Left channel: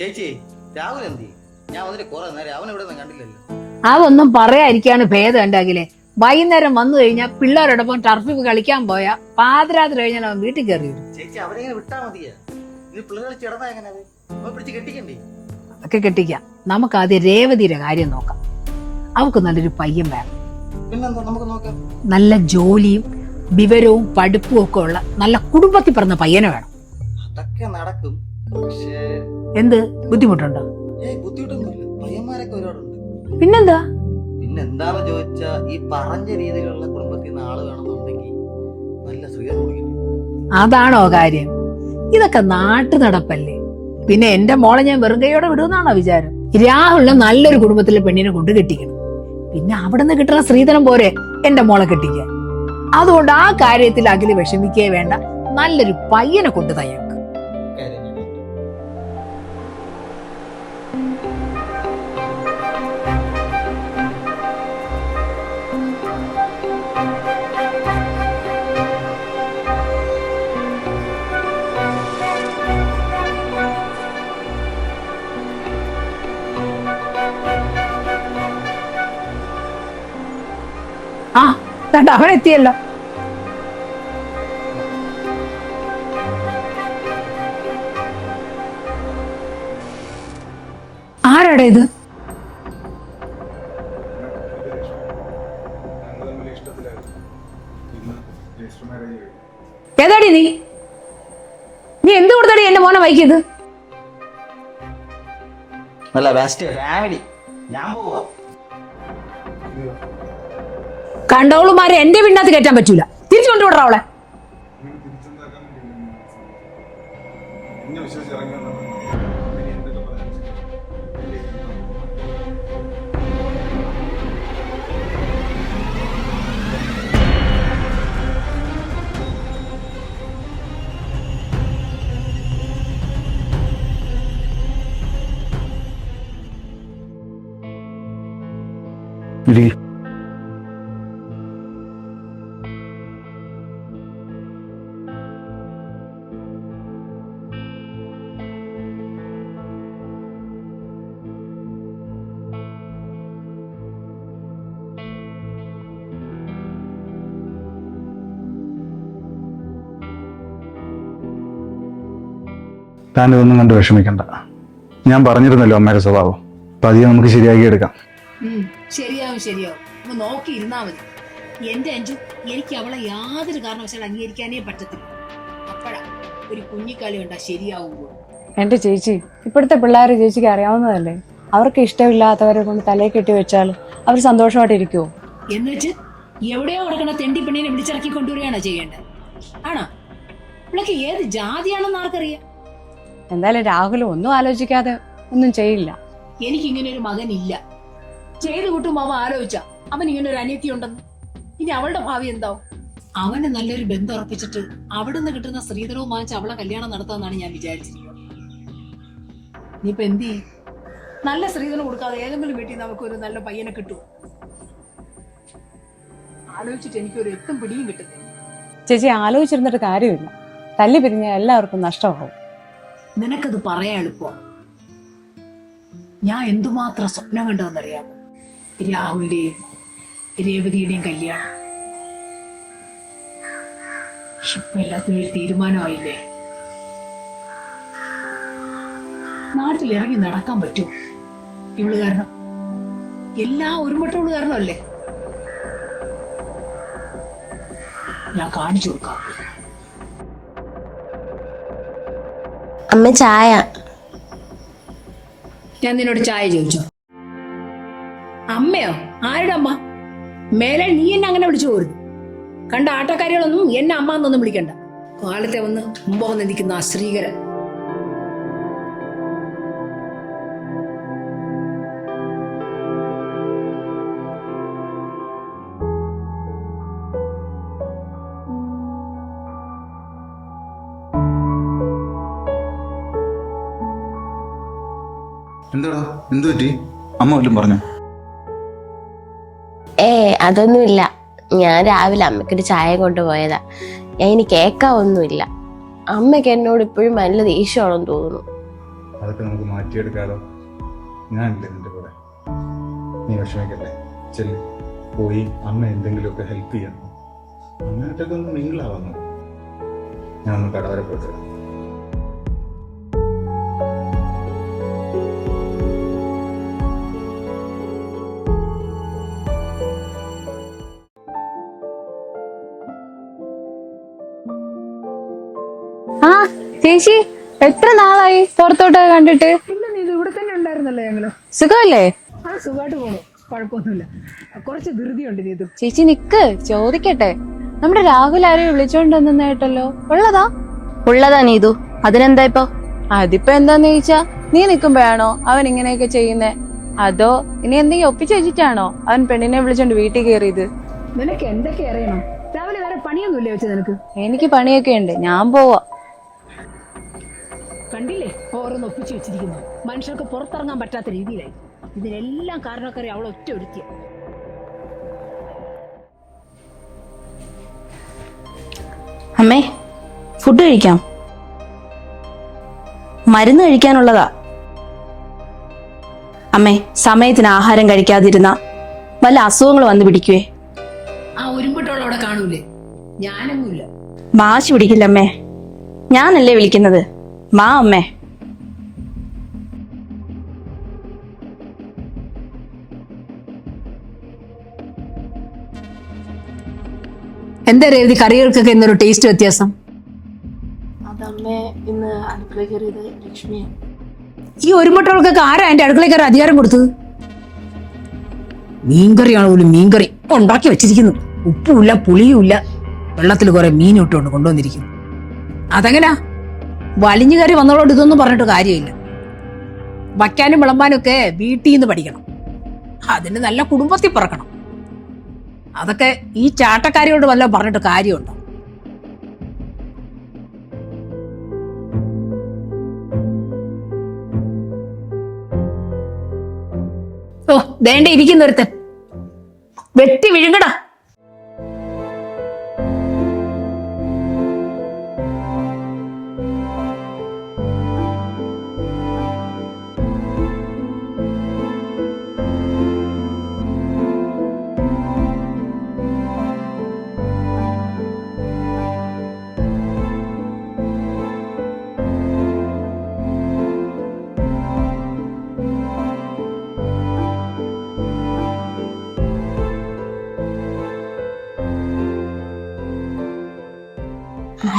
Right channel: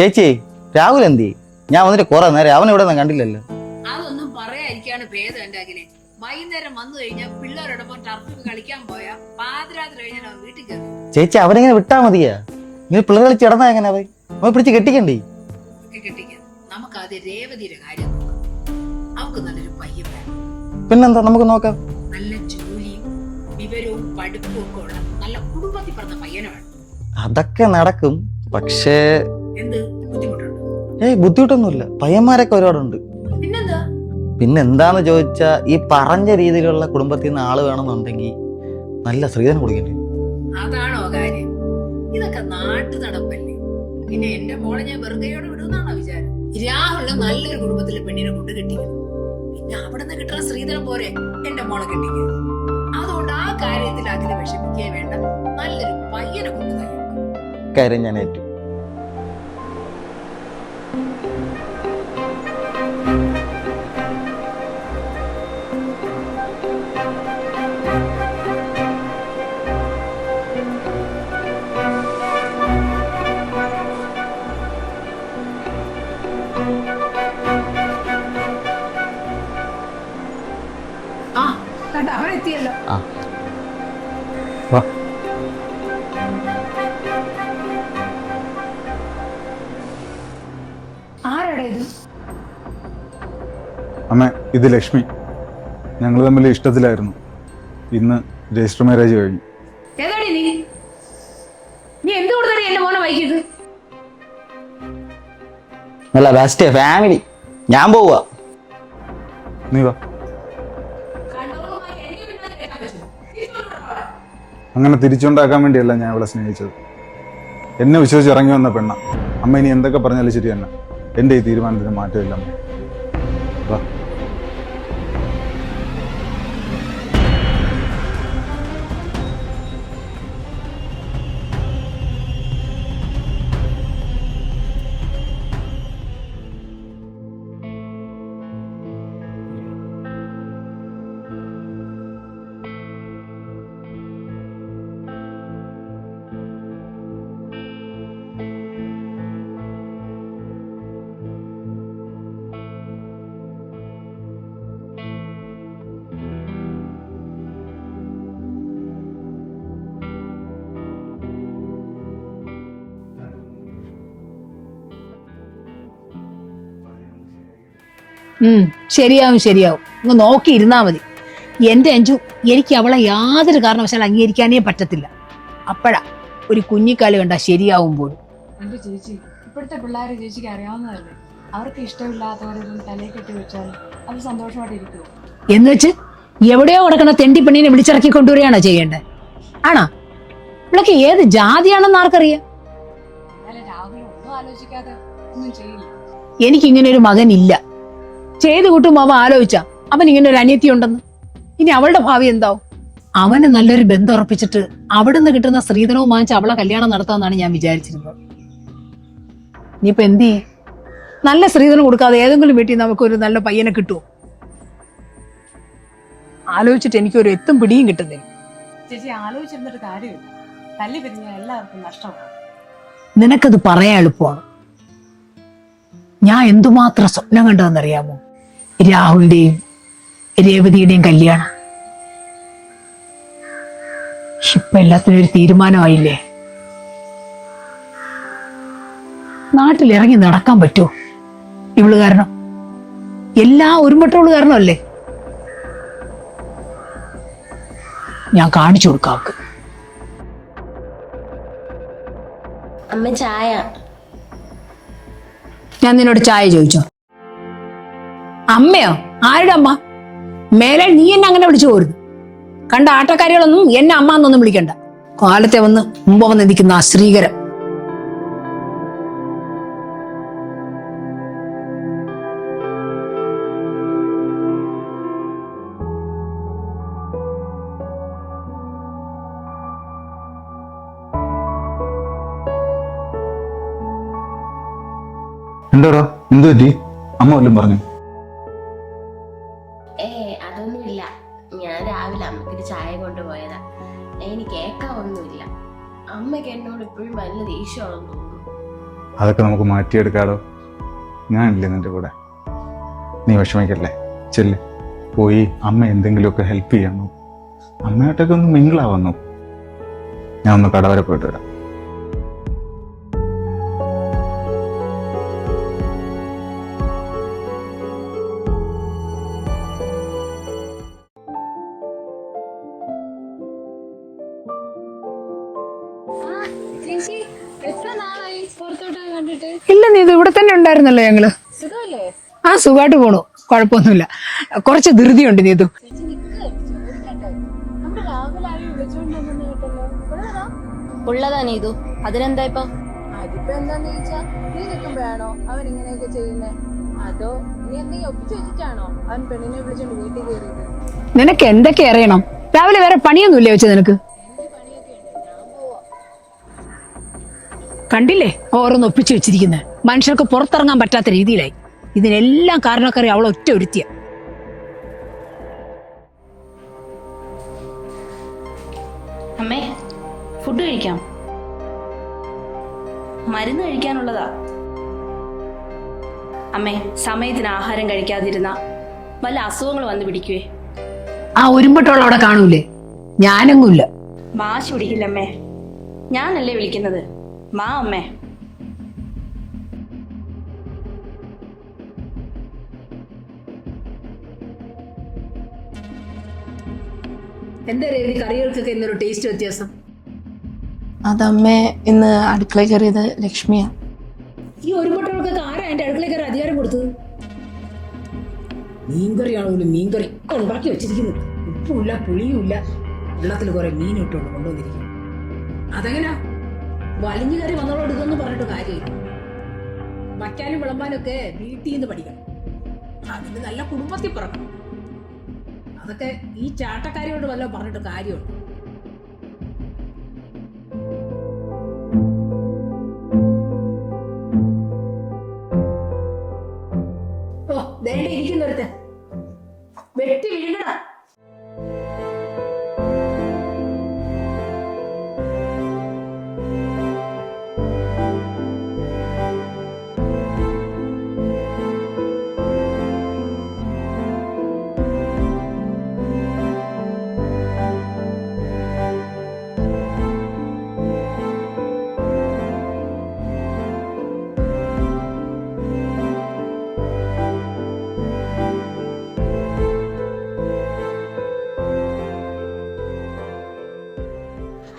ചേച്ചി രാഹുൽ എന്തി? ഞാൻ വന്നിട്ട് കുറെ നേരം അവൻ ഇവിടെ കണ്ടില്ലല്ലോ. അതൊന്നും പറയാതിരിക്കാണ് ഭേദം ഉണ്ടെങ്കിലേ. വൈകുന്നേരം വന്നു കഴിഞ്ഞാൽ പിള്ളേരോടൊപ്പം ടർഫിൽ കളിക്കാൻ പോയാ പാതിരാത്രി കഴിഞ്ഞാൽ അവൻ വീട്ടിൽ കയറി. ചേച്ചി അവനെങ്ങനെ വിട്ടാ മതിയാ? നിങ്ങൾ പിള്ളേർ കളിച്ച് ഇടന്നാ എങ്ങനെ അവൻ പിടിച്ച് കെട്ടിക്കണ്ടേ? ഒക്കെ കെട്ടിക്കാം. നമുക്ക് ആദ്യം രേവതിയുടെ കാര്യം നോക്കാം. അവൾക്ക് നല്ലൊരു പയ്യൻ വേണം. പിന്നെന്താ, നമുക്ക് നോക്കാം. നല്ല ജോലിയും വിവരവും പഠിപ്പും ഒക്കെ ഉള്ള നല്ല കുടുംബത്തിൽ പറഞ്ഞ പയ്യനെ വേണം. അതൊക്കെ നടക്കും. പക്ഷേ എന്ത് ബുദ്ധിമുട്ടുണ്ടോ? ബുദ്ധിമുട്ടൊന്നുമില്ല. പയ്യന്മാരൊക്കെ ഒരുപാടുണ്ട്. പിന്നെന്താന്ന് ചോദിച്ചാ ഈ പറഞ്ഞ രീതിയിലുള്ള കുടുംബത്തിൽ നിന്ന് ആള് വേണമെന്നുണ്ടെങ്കിൽ നല്ല സ്ത്രീധനം കൊടുക്കേണ്ടി. അതാണോ കാര്യം? ഇതൊക്കെ നാട്ടു നടപ്പല്ലേ. പിന്നെ എന്റെ മോളെ ഞാൻ വെറും കൈയോടെ വിടുമെന്നാണോ വിചാരം? രാഹുലിനെ നല്ലൊരു കുടുംബത്തിലെ പെണ്ണിനെ കൊണ്ട് കെട്ടിക്കണം. പിന്നെ അവിടെ നിന്ന് കിട്ടുന്ന സ്ത്രീധനം പോരെ എന്റെ മോളെ കെട്ടിക്കുക. അതുകൊണ്ട് ആ കാര്യത്തിൽ അഖില് വിഷമിക്കേ വേണ്ട. നല്ലൊരു പയ്യനെ കൊണ്ട് തയ്യാറാക്കും. കാര്യം ഞാൻ ഏറ്റു. ആ അവൻ എത്തിയല്ലോ. ആരാടെ ഇത്? അമ്മ, ഇത് ലക്ഷ്മി. ഞങ്ങൾ തമ്മിൽ ഇഷ്ടത്തിലായിരുന്നു. ഇന്ന് രജിസ്റ്റർ മാരേജ് കഴിഞ്ഞു. ഏതാടി നീ? നീ എന്ത് കൊടുത്താടി എന്റെ മോനെ വൈകിയത്? നല്ല ബെസ്റ്റ് ഫാമിലി. ഞാൻ പോവാ. നീ വാ. കണ്ടോളുമാരെ എന്റെ പിന്നകത്ത് കയറ്റാൻ പറ്റൂല. തിരിച്ചു കൊണ്ടുവിടറ അവളെ. അങ്ങനെ തിരിച്ചുണ്ടാക്കാൻ വേണ്ടിയല്ല ഞാൻ അവളെ സ്നേഹിച്ചത്. എന്നെ വിശ്വസിച്ച് ഇറങ്ങി വന്ന പെണ്ണ. അമ്മ ഇനി എന്തൊക്കെ പറഞ്ഞാലും ശരി തന്നെ. എൻ്റെ ഈ തീരുമാനത്തിന് മാറ്റമില്ല. വാ. താൻ ഇതൊന്നും കണ്ട് വിഷമിക്കണ്ട. ഞാൻ പറഞ്ഞിരുന്നല്ലോ അമ്മയുടെ സ്വഭാവം. അപ്പൊ അധികം നമുക്ക് ശരിയാക്കി എടുക്കാം. ശരിയാവും. ഒന്ന് നോക്കിയിരുന്നാ മതി. എന്റെ അഞ്ചു, എനിക്ക് അവളെ യാതൊരു കാരണവശാലും അംഗീകരിക്കാനേ പറ്റത്തില്ല. അപ്പഴാ ഒരു കുഞ്ഞിക്കാല് കണ്ടാ ശരിയാവുമ്പോൾ. എന്റെ ചേച്ചി, ഇപ്പോഴത്തെ പിള്ളേരെ ചേച്ചിക്ക് അറിയാവുന്നതല്ലേ. അവർക്ക് ഇഷ്ടമില്ലാത്തവരെ കൊണ്ട് തലയിൽ കെട്ടി വെച്ചാൽ അവർ സന്തോഷമായിട്ടിരിക്കുവോ? എന്ന് വെച്ച് എവിടെയോ കിടക്കുന്ന തെണ്ടി പെണ്ണിനെ വിളിച്ചിറക്കി കൊണ്ടുവരികയാണോ ചെയ്യേണ്ടത്? ആണോ? ഇവളൊക്കെ ഏത് ജാതിയാണെന്ന് ആർക്കറിയാം? എന്തായാലും രാഹുൽ ഒന്നും ആലോചിക്കാതെ ഒന്നും ചെയ്യില്ല. എനിക്കിങ്ങനെ ഒരു മകനില്ല. ചെയ്തു കൂട്ടുമ്പോ അവൻ ആലോചിച്ച അവൻ ഇങ്ങനെ ഒരു അനിയത്തി ഉണ്ടെന്ന്. ഇനി അവളുടെ ഭാവി എന്താവും? അവന് നല്ലൊരു ബന്ധം ഉറപ്പിച്ചിട്ട് അവിടുന്ന് കിട്ടുന്ന സ്ത്രീധനവും വാങ്ങിച്ച് അവളെ കല്യാണം നടത്താമെന്നാണ് ഞാൻ വിചാരിച്ചിരുന്നത്. ഇനിയിപ്പൊ എന്ത് ചെയ്യേ? നല്ല സ്ത്രീധനം കൊടുക്കാതെ ഏതെങ്കിലും വീട്ടിൽ നമുക്കൊരു നല്ല പയ്യനെ കിട്ടുമോ? ആലോചിച്ചിട്ട് എനിക്കൊരു എത്തും പിടിയും കിട്ടുന്നില്ല. ചേച്ചി ആലോചിച്ചിരുന്നിട്ട് കാര്യമില്ല. തല്ലി പിരിഞ്ഞ എല്ലാവർക്കും നഷ്ടമാകും. നിനക്കത് പറയാൻ എളുപ്പമാണ്. ഞാൻ എന്തുമാത്രം സ്വപ്നം കണ്ടതെന്നറിയാമോ? രാഹുലിന്റെയും രേവതിയുടെയും കല്യാണം. ഇപ്പൊ എല്ലാത്തിനും ഒരു തീരുമാനമായില്ലേ? നാട്ടിലിറങ്ങി നടക്കാൻ പറ്റുമോ ഇവള് കാരണം? എല്ലാ ഒരുമട്ടോള് കാരണമല്ലേ? ഞാൻ കാണിച്ചു കൊടുക്കാം. അമ്മ ചായ. ഞാൻ നിന്നോട് ചായ ചോദിച്ചോ? അമ്മയോ? ആരുടെ അമ്മ? മേലെ നീ എന്നെ അങ്ങനെ വിളിച്ചു പോരുത്. കണ്ട ആട്ടക്കാരികളൊന്നും എന്നെ അമ്മ എന്നൊന്നും വിളിക്കണ്ട. കാലത്തെ വന്ന് മുമ്പ് വന്ന് നിൽക്കുന്ന ആ ശ്രീകരം. എന്താടാ, എന്ത് പറ്റി? അമ്മ വല്ലതും പറഞ്ഞു? അതൊന്നുമില്ല. ഞാൻ രാവിലെ അമ്മയ്ക്കൊരു ചായ കൊണ്ടുപോയതാ. ഞാൻ ഇനി കേൾക്കാവൊന്നുമില്ല. അമ്മയ്ക്ക് എന്നോട് ഇപ്പോഴും നല്ല ദേഷ്യമാണെന്ന് തോന്നുന്നു. അതൊക്കെ നമുക്ക് മാറ്റിയെടുക്കാലോ. ഞാനില്ലേ നിന്റെ കൂടെ. നീ വിഷമിക്കല്ലേ, ചെല്ല്. പോയി അമ്മ എന്തെങ്കിലുമൊക്കെ ഹെൽപ്പ് ചെയ്യണോ, അമ്മയായിട്ടൊക്കെ ഒന്ന് മിങ്കിളാവുന്നു. ഞാൻ ഒന്ന് കട വരെ പോയിട്ട് വരാം. ആ ചേച്ചി, എത്ര നാളായി പുറത്തോട്ട് കണ്ടിട്ട്? ഇല്ല, നീ ഇത് ഇവിടെ തന്നെ ഉണ്ടായിരുന്നല്ലോ ഞങ്ങള്. സുഖമല്ലേ? ആ, സുഖമായിട്ട് പോണു, കുഴപ്പമൊന്നുമില്ല. കുറച്ച് ധൃതിയുണ്ട് നീതു. ചേച്ചി നിക്ക്, ചോദിക്കട്ടെ. നമ്മുടെ രാഹുൽ ആരെയും വിളിച്ചോണ്ട് വന്നെന്ന് കേട്ടല്ലോ, ഉള്ളതാ? ഉള്ളതാ നീതു, അതിനെന്താ ഇപ്പൊ? അതിപ്പോ എന്താന്ന് ചോദിച്ചാ, നീ നിക്കുമ്പോഴാണോ അവൻ ഇങ്ങനെയൊക്കെ ചെയ്യുന്നേ? അതോ ഇനി എന്തെങ്കിലും ഒപ്പിച്ചു വെച്ചിട്ടാണോ അവൻ പെണ്ണിനെ വിളിച്ചോണ്ട് വീട്ടിൽ കയറിയത്? നിനക്ക് എന്തൊക്കെ അറിയണം? രാവിലെ വേറെ പണിയൊന്നുമില്ല വെച്ച നിനക്ക്? എനിക്ക് പണിയൊക്കെ ഉണ്ട്, ഞാൻ പോവാ. കണ്ടില്ലേ ഓരോന്ന് ഒപ്പിച്ചു വെച്ചിരിക്കുന്നത്? മനുഷ്യർക്ക് പുറത്തിറങ്ങാൻ പറ്റാത്ത രീതിയിലായി. ഇതിനെല്ലാം കാരണക്കാരി അവൾ ഒറ്റ ഒരുത്തിയ. അമ്മേ, ഫുഡ് കഴിക്കാം. മരുന്ന് കഴിക്കാനുള്ളതാ. അമ്മേ, സമയത്തിന് ആഹാരം കഴിക്കാതിരുന്ന വല്ല അസുഖങ്ങൾ വന്ന് പിടിക്കുവേ. ആ ഒരുമ്പട്ടോളം അവിടെ കാണൂലേ? ഞാനെങ്ങുമില്ല. വാശി പിടിക്കില്ല അമ്മേ, ഞാനല്ലേ വിളിക്കുന്നത്. മാ അമ്മേ. എന്താ രേവതി, കറികൾക്കൊക്കെ എന്നൊരു ടേസ്റ്റ് വ്യത്യാസം? അതമ്മേ, ഇന്ന് അടുക്കള കയറിയത് ലക്ഷ്മിയാ. ഈ ഒരുമ്പട്ടോൾക്കൊക്കെ ആരാ എന്റെ അടുക്കളയിൽ കയറി അധികാരം കൊടുത്തത്? മീൻകറിയാണ് പോലും മീൻകറി ഉണ്ടാക്കി വെച്ചിരിക്കുന്നു. ഉപ്പുമില്ല, പുളിയുമില്ല, വെള്ളത്തിൽ കുറെ മീൻ ഇട്ടുകൊണ്ട് കൊണ്ടുവന്നിരിക്കുന്നു. അതെങ്ങനാ? വലിഞ്ഞു കയറി വന്നോളോട് ഇതൊന്നും പറഞ്ഞിട്ട് കാര്യമില്ല. വയ്ക്കാനും വിളമ്പാനും ഒക്കെ വീട്ടിൽ നിന്ന് പഠിക്കണം. അതിന് നല്ല കുടുംബത്തിൽ പറക്കണം. അതൊക്കെ ഈ ചാട്ടക്കാരിയോട് വല്ലതും പറഞ്ഞിട്ട് കാര്യമുണ്ടോ? ഓ, ദേണ്ട ഇരിക്കുന്നൊരുത്തൻ. വെട്ടി വിഴുങ്ങടാ.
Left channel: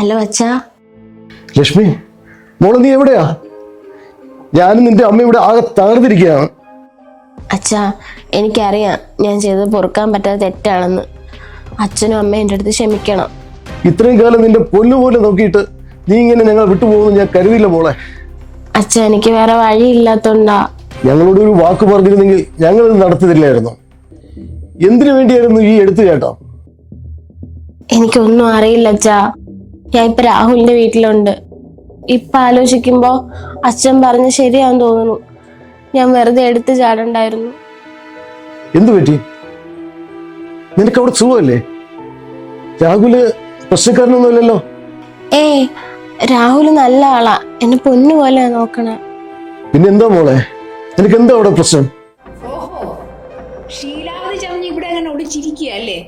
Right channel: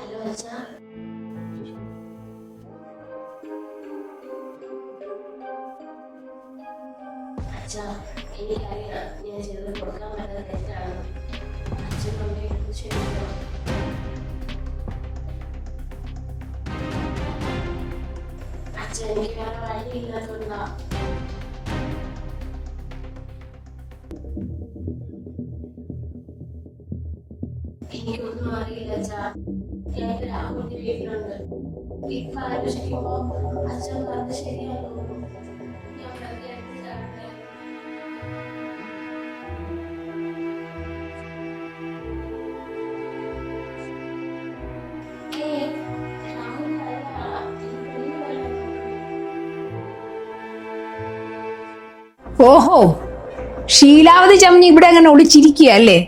ഹലോ അച്ഛാ. ലക്ഷ്മി, മോള് നീ എവിടെയാ? ഞാനും നിന്റെ അമ്മ ഇവിടെ ആകെ തകർന്നിരിക്കുകയാണ്. അച്ഛാ, എനിക്കറിയാം ഞാൻ ചെയ്തത് പൊറുക്കാൻ പറ്റാത്ത തെറ്റാണെന്ന്. അച്ഛനും അമ്മയും എൻ്റെ അടുത്ത് ക്ഷമിക്കണം. ഇത്രയും കാലം നിന്റെ പൊന്നുപോലെ നോക്കിയിട്ട് നീ ഇങ്ങനെ ഞങ്ങൾ വിട്ടുപോകുന്നു ഞാൻ കരുതിയില്ല മോളെ. അച്ഛ, എനിക്ക് വേറെ വഴിയില്ലാത്തോണ്ടാ. ഞങ്ങളോട് ഒരു വാക്ക് പറഞ്ഞിരുന്നെങ്കിൽ ഞങ്ങൾ ഇത് നടത്തില്ലായിരുന്നു. എന്തിനു വേണ്ടിയായിരുന്നു ഈ എടുത്തു കേട്ടോ? എനിക്കൊന്നും അറിയില്ല അച്ഛാ. ഞാൻ ഇപ്പൊ രാഹുലിന്റെ വീട്ടിലുണ്ട്. ഇപ്പൊ ആലോചിക്കുമ്പോ അച്ഛൻ പറഞ്ഞ് ശരിയാന്ന് തോന്നുന്നു. ഞാൻ വെറുതെ എടുത്തു ചാടണ്ടായിരുന്നു. എന്തു പറ്റി? നിനക്ക് അവിടെ സുഖമല്ലേ? രാഹുല് പ്രശ്നക്കാരനൊന്നുമല്ലല്ലോ. ഏയ്, രാഹുല് നല്ല ആളാ, എന്നെ പൊന്നു പോലെ നോക്കണേ. പിന്നെന്താ മോളെ, നിനക്ക് എന്താ അവിടെ പ്രശ്നം? ഓഹോ, ശീലാവതി ചമഞ്ഞ് ഇവിടെ അങ്ങനെ ഒളിച്ചിരിക്കുക അല്ലേ?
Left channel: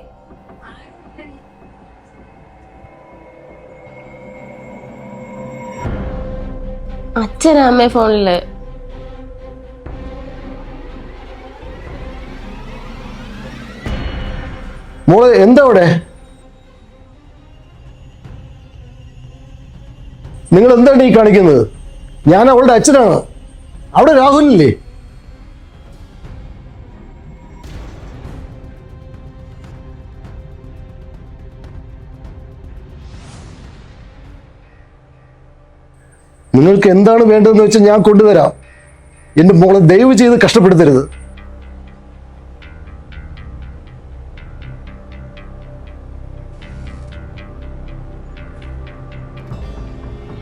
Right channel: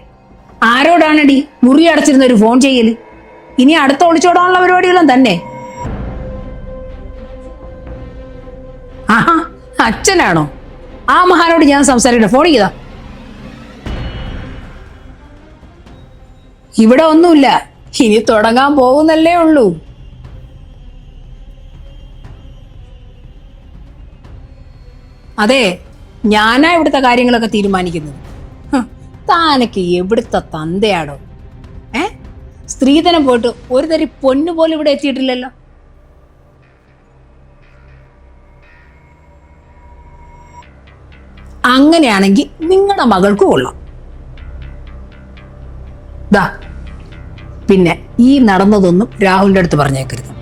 ആരോടാണടി മുറി അടച്ചിരുന്ന ഒരു ഫോൺ ചെയ്യല്? ഇനി അടുത്ത ഒളിച്ചോടാനുള്ള പരിപാടികളും തന്നെ. അച്ഛനാ അമ്മേ ഫോണില്. ആഹാ, അച്ഛനാണോ? ആ മഹാനോട് ഞാൻ സംസാരിക്കട്ടെ, ഫോൺ ചെയ്താ. മോളെ എന്താ അവിടെ? ഇവിടെ ഒന്നുമില്ല, ഇനി തുടങ്ങാൻ പോകുന്നല്ലേ ഉള്ളൂ. നിങ്ങൾ എന്താണ് ഈ കാണിക്കുന്നത്? ഞാൻ അവളുടെ അച്ഛനാണ്. അവിടെ രാഹുലില്ലേ? അതെ, ഞാനാ ഇവിടുത്തെ കാര്യങ്ങളൊക്കെ തീരുമാനിക്കുന്നത്. താനൊക്കെ എവിടുത്തെ തന്തയാടോ? സ്ത്രീധനം പോയിട്ട് ഒരു തരി പൊന്നു പോലും ഇവിടെ എത്തിയിട്ടില്ലല്ലോ. നിങ്ങൾക്ക് എന്താണ് വേണ്ടതെന്ന് വെച്ചാൽ ഞാൻ കൊണ്ടുവരാം. എന്റെ മോളെ ദയവ് ചെയ്ത് കഷ്ടപ്പെടുത്തരുത്. അങ്ങനെയാണെങ്കിൽ നിങ്ങളുടെ മകൾക്ക് കൊള്ളാം. ദാ, പിന്നെ ഈ നടന്നതൊന്നും രാഹുലിന്റെ അടുത്ത് പറഞ്ഞേക്കരുത്.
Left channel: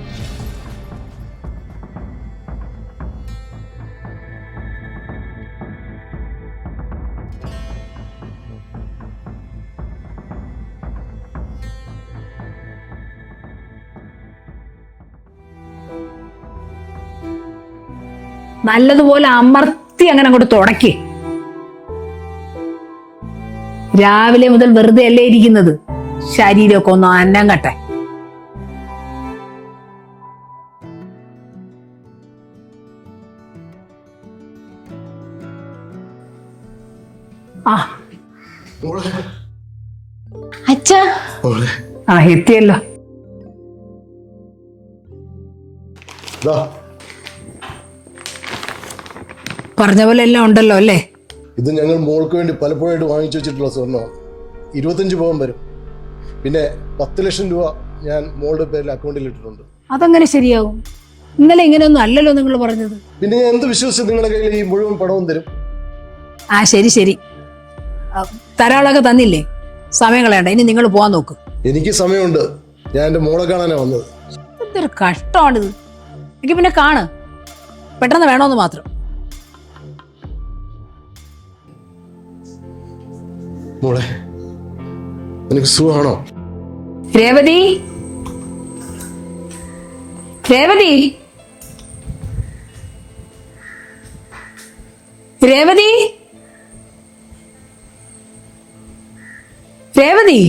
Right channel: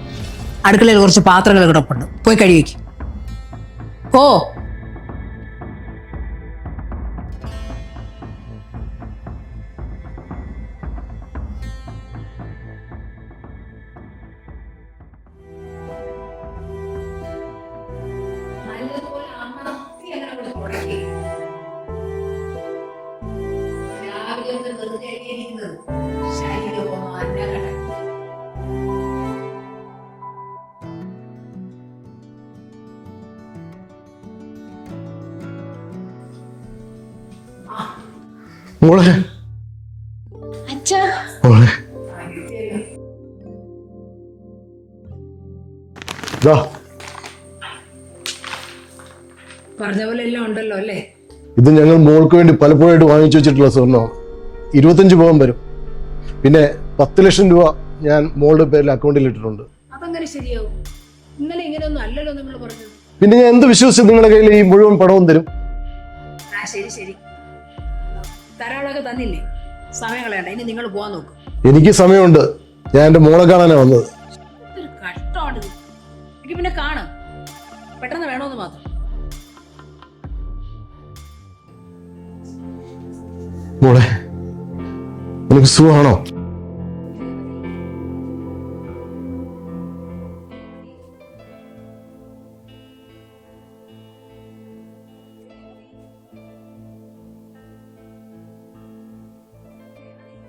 അടുക്കളയിൽ കുറച്ച് പാത്രങ്ങൾ കിടപ്പുണ്ട്, പോയി കഴുകിവെക്കും. ഓ, നല്ലതുപോലെ അമർത്തി അങ്ങനെ അങ്ങോട്ട് തുടക്കേ. രാവിലെ മുതൽ വെറുതെ അല്ലേ ഇരിക്കുന്നത്, ശരീരമൊക്കെ ഒന്ന് അന്നം കട്ടെ. ആ മോളെ അച്ഛാ, മോളെ ആ എത്തിയല്ലോ. ദാ, പറഞ്ഞ പോലെ എല്ലാം ഉണ്ടല്ലോ അല്ലേ? ഇത് ഞങ്ങൾ മോൾക്ക് വേണ്ടി പലപ്പോഴായിട്ട് വാങ്ങിച്ചു വെച്ചിട്ടുള്ള സ്വർണ്ണം 25 പവൻ വരും. പിന്നെ 10 ലക്ഷം രൂപ ഞാൻ മോളുടെ പേരിൽ അക്കൗണ്ടിൽ ഇട്ടിട്ടുണ്ട്. അതങ്ങനെ ശരിയാവും? ഇന്നലെ ഇങ്ങനെയൊന്നും അല്ലല്ലോ നിങ്ങൾ പറഞ്ഞത്. പിന്നെ ഞാൻ എന്ത് വിശ്വസിച്ച് നിങ്ങളുടെ കയ്യിൽ ഈ മുഴുവൻ പണവും തരും? ആ ശരി ശരി, തരാളൊക്കെ തന്നില്ലേ, സമയം കളയണ്ട, ഇനി നിങ്ങൾ പോവാൻ നോക്ക്. എനിക്ക് സമയമുണ്ട്, ഞാൻ എൻ്റെ മോളെ കാണാനാണ് വന്നത്. എന്തൊരു കഷ്ടമാണിത്. എനിക്ക് പിന്നെ കാണ്, പെട്ടെന്ന് വേണോന്ന് മാത്രം. മോളെ നിനക്ക് സുഖമാണോ? രേവതി, രേവതി, രേവതി, രേവതി.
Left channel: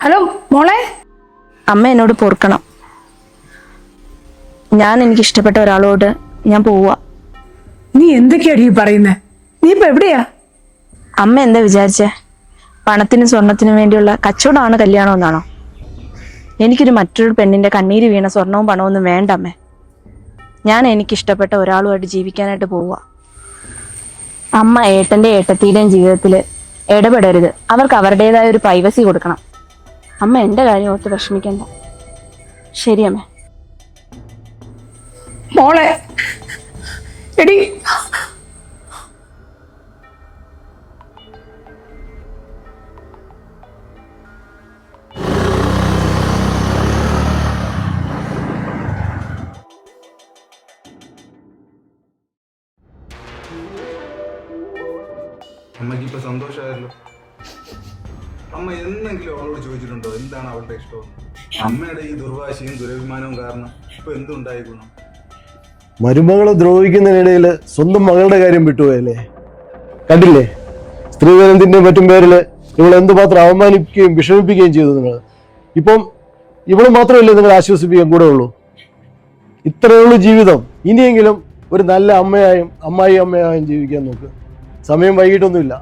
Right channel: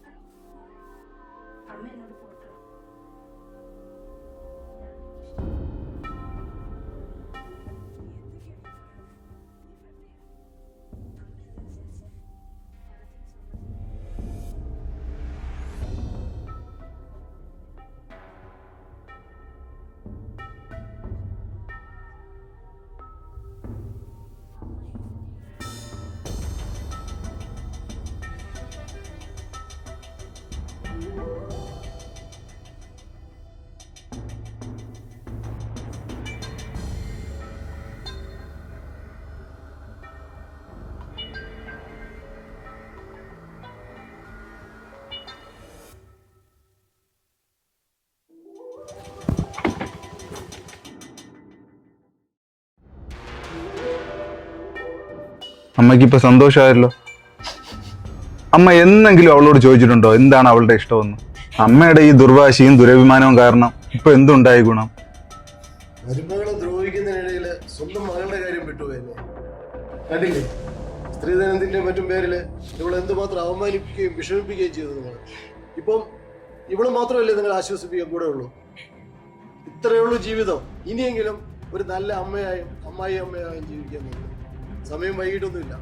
ഹലോ മോളെ. അമ്മ എന്നോട് പൊറുക്കണം. ഞാൻ എനിക്ക് ഇഷ്ടപ്പെട്ട ഒരാളോട് ഞാൻ പോവാ. നീ എന്തൊക്കെയാടി പറയുന്നേ? നീ ഇപ്പൊ എവിടെയാ? അമ്മ എന്താ വിചാരിച്ചേ? പണത്തിനും സ്വർണത്തിനും വേണ്ടിയുള്ള കച്ചവടമാണ് കല്യാണം എന്നാണോ? എനിക്കൊരു മറ്റൊരു പെണ്ണിന്റെ കണ്ണീര് വീണ സ്വർണവും പണവും ഒന്നും വേണ്ട അമ്മേ. ഞാൻ എനിക്കിഷ്ടപ്പെട്ട ഒരാളുമായിട്ട് ജീവിക്കാനായിട്ട് പോവുക. അമ്മ ഏട്ടന്റെ ഏട്ടത്തിയുടെയും ജീവിതത്തിൽ ഇടപെടരുത്. അവർക്ക് അവരുടേതായ ഒരു പ്രൈവസി കൊടുക്കണം. അമ്മ എന്റെ കാര്യം ഓർത്ത് വിഷമിക്കണ്ട. ശരി അമ്മേ. മോളെ എടി, അമ്മയ്ക്ക് ഇപ്പൊ സന്തോഷമായല്ലോ. അമ്മ എന്നെങ്കിലും അവളോട് ചോദിച്ചിട്ടുണ്ടോ എന്താണ് അവളുടെ ഇഷ്ടമെന്ന്? അമ്മയുടെ ഈ ദുർവാശിയും ദുരഭിമാനവും കാരണം ഇപ്പൊ എന്തുണ്ടായി ഗുണം? മരുമകളെ ദ്രോഹിക്കുന്നതിനിടയിൽ സ്വന്തം മകളുടെ കാര്യം വിട്ടുപോയല്ലേ? കണ്ടില്ലേ, സ്ത്രീധനത്തിന്റെ മറ്റും പേരിൽ ഇവൾ എന്തുമാത്രം അവമാനിപ്പിക്കുകയും വിഷമിപ്പിക്കുകയും ചെയ്തു നിങ്ങൾ. ഇപ്പം ഇവള് മാത്രമല്ലേ നിങ്ങൾ ആശ്വസിപ്പിക്കാൻ കൂടെ ഉള്ളൂ? ഇത്രയേ ഉള്ളൂ ജീവിതം. ഇനിയെങ്കിലും ഒരു നല്ല അമ്മയായും അമ്മായി അമ്മയായും ജീവിക്കാൻ നോക്ക്. സമയം വൈകിട്ടൊന്നുമില്ല.